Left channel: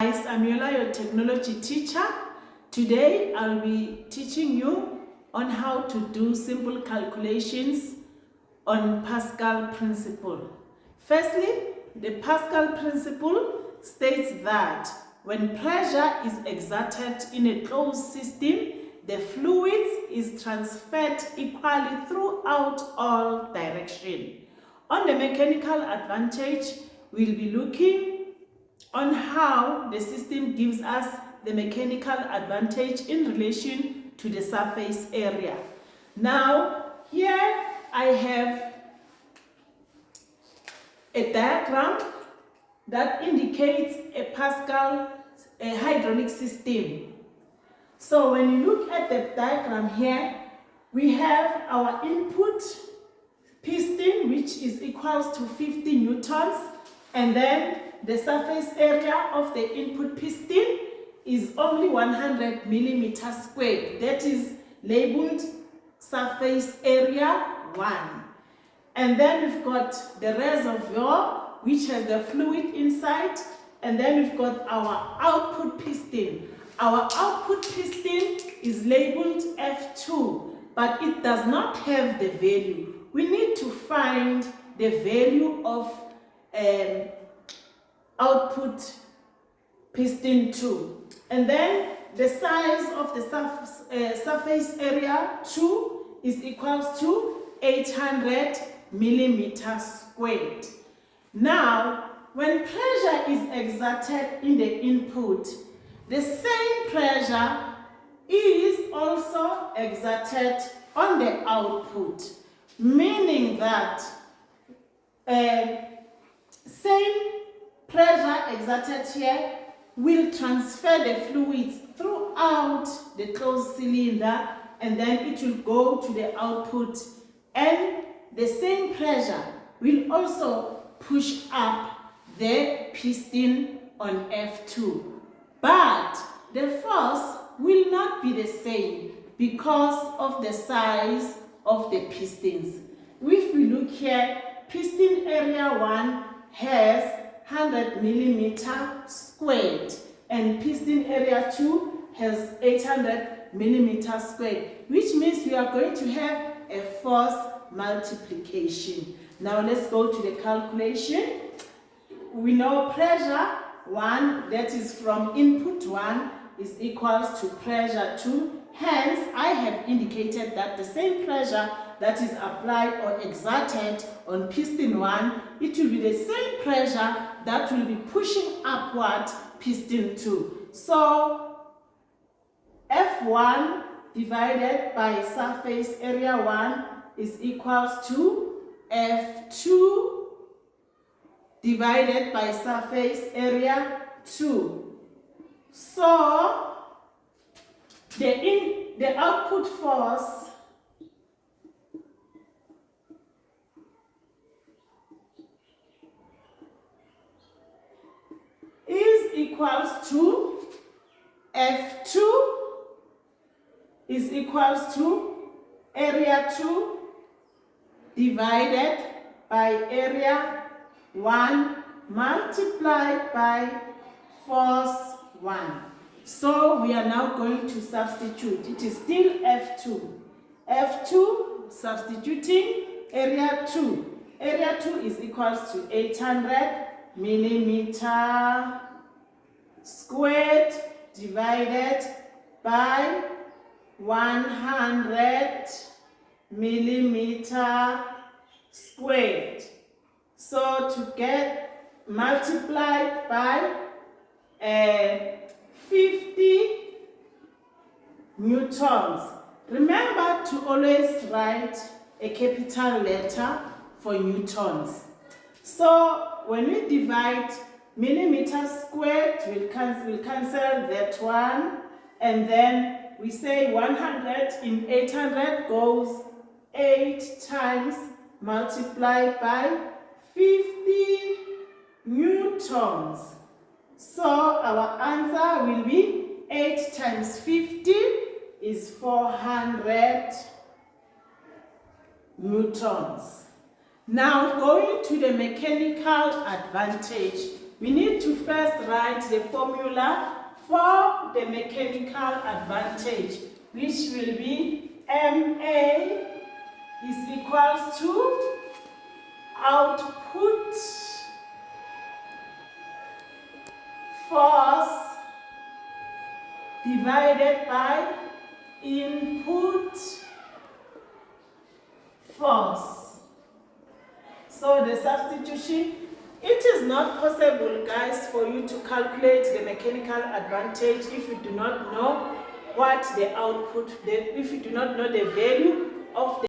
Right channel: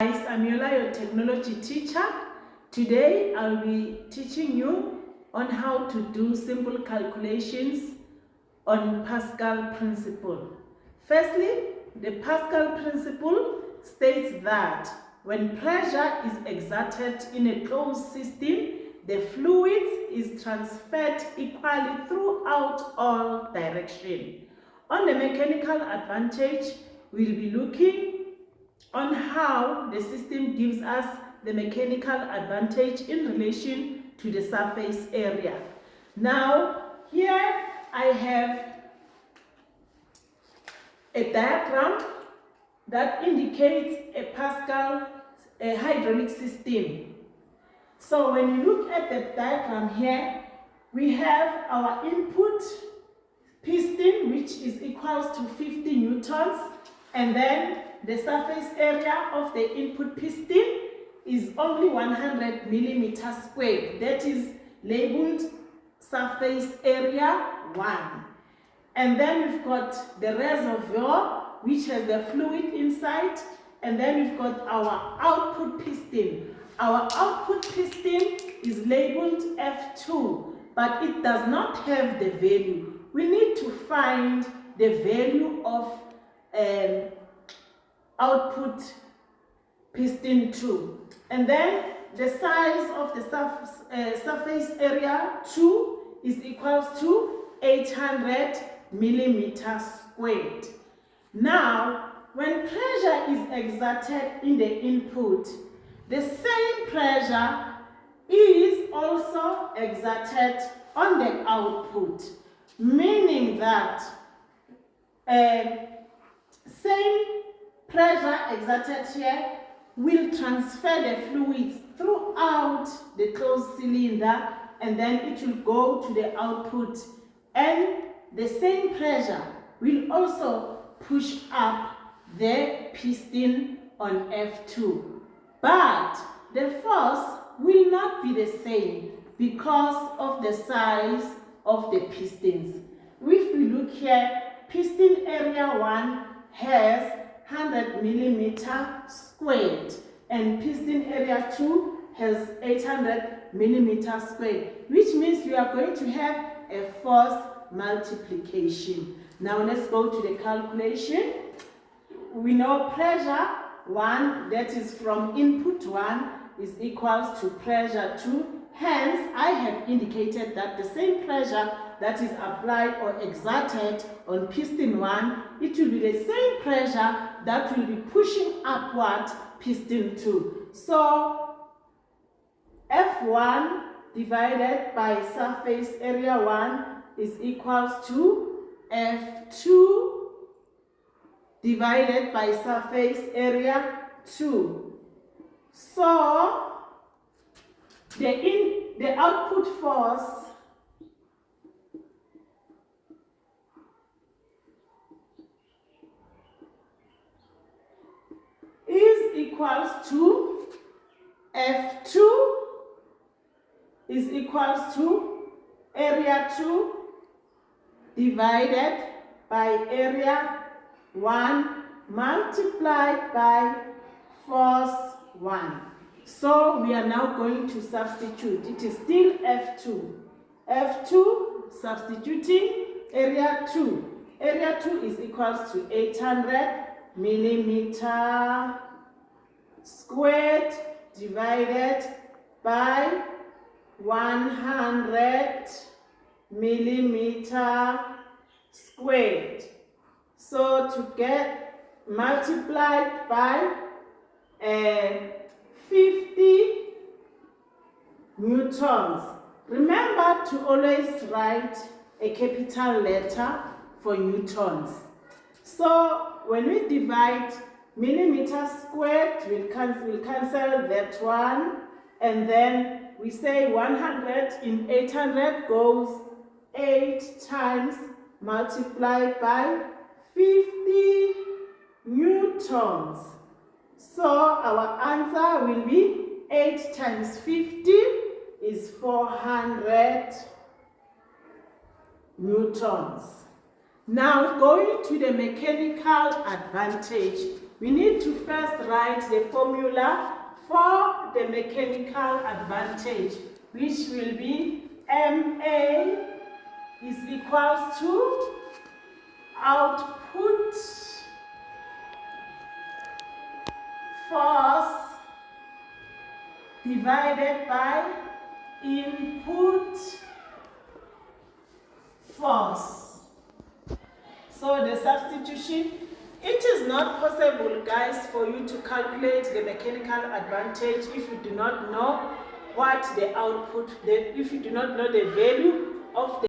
Guys, I'm Yola, your technology teacher. Today I'll be teaching you on how to do simple calculations on Pascal principle. Firstly, the Pascal principle states that when pressure is exerted in a closed system, the fluid is transferred equally throughout all directions. On the mechanical advantage, we'll be looking on how the system gives us the mechanical advantage in relation to the surface area. Now, here I have a diagram that indicates a Pascal hydraulic system. So when you look at the diagram here, we have our input piston, which is equals to 50 newtons, and then the surface area of the input piston is only 100 millimeters squared. That is labeled surface area 1. And then we've got the reservoir, which has the fluid inside. And then we've got our output piston. Our output piston is labeled F2, but it does not have the value. We need to find the value of output piston 2. And then the size of the surface area 2 is equals to 800 millimeters squared. Now, when pressure is exerted in the input, the same pressure is also exerted on the output, meaning that same pressure exerted here will transfer the fluids throughout the closed cylinder, and then it will go to the output, and the same pressure will also push up the piston on F2. But the force will not be the same because of the size of the pistons. If we look here, piston area 1 has 100 millimeter squared, and piston area 2 has 800 millimeter squared, which means we are going to have a force multiplication. Now let's go to the calculation. We know pressure 1, that is from input 1, is equals to pressure 2. Hence, I have indicated that the same pressure that is applied or exerted on piston 1, it will be the same pressure that will be pushing upward piston 2. So, F1 divided by surface area 1 is equals to F2 divided by surface area 2. So, the output force is equals to F2 is equals to area 2 divided by area 1 multiplied by force 1. So we are now going to substitute. It is still F2. F2 substituting area 2. Area 2 is equals to 800 millimeter squared divided by 100 millimeter squared. So to get multiplied by 50 newtons. Remember to always write a capital letter for newtons. So when we divide millimeters squared, we'll cancel that one, and then we say 100 in 800 goes 8 times multiplied by 50 newtons. So our answer will be 8 times 50 is 400 newtons. Now going to the mechanical advantage, We need to first write the formula for the mechanical advantage, which will be MA is equals to output force divided by input force. So the substitution, it is not possible, guys, for you to calculate the mechanical advantage if you do not know what the output, if you do not know the value of the